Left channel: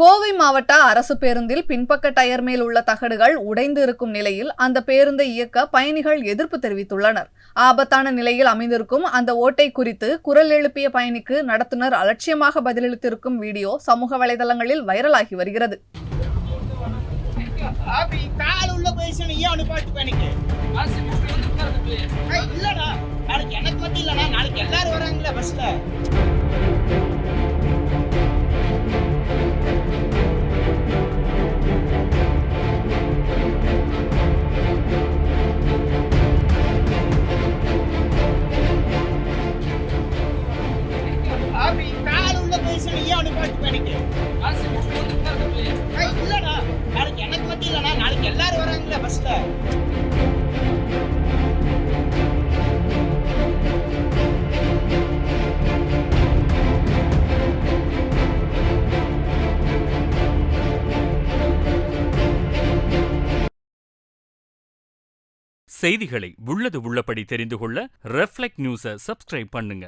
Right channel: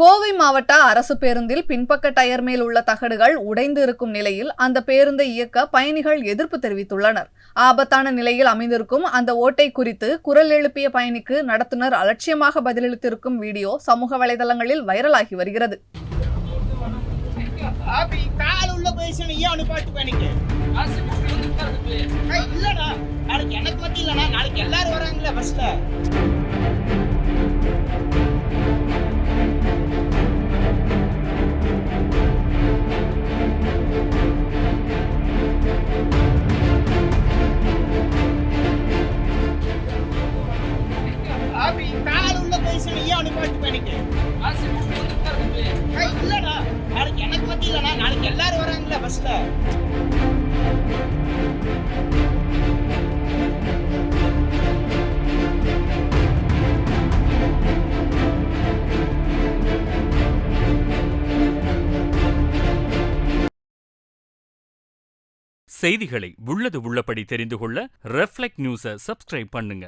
கோவை மாவட்ட அரசு பேருந்தில் பின்பக்க டயர் மேல் உள்ள தகடுகள் உடைந்து இருக்கும் நிலையில் அந்த பேருந்தை இயக்க பயணிகள் எதிர்ப்பு தெரிவித்துள்ளனர். ஆபத்தான நிலையில் அமைந்திருக்கும் அந்த ஓட்டை குறித்து குரல் எழுப்பிய பயணிக்கு நடத்துனர் அலட்சியமாக பதிலளித்திருக்கும் வீடியோ சமூக வலைதளங்களில் வைரலாகி வருகிறது. செய்திகளை உள்ளது உள்ளபடி தெரிந்து கொள்ள ரெஃப்ளெக்ட் நியூஸை சப்ஸ்கிரைப் பண்ணுங்க.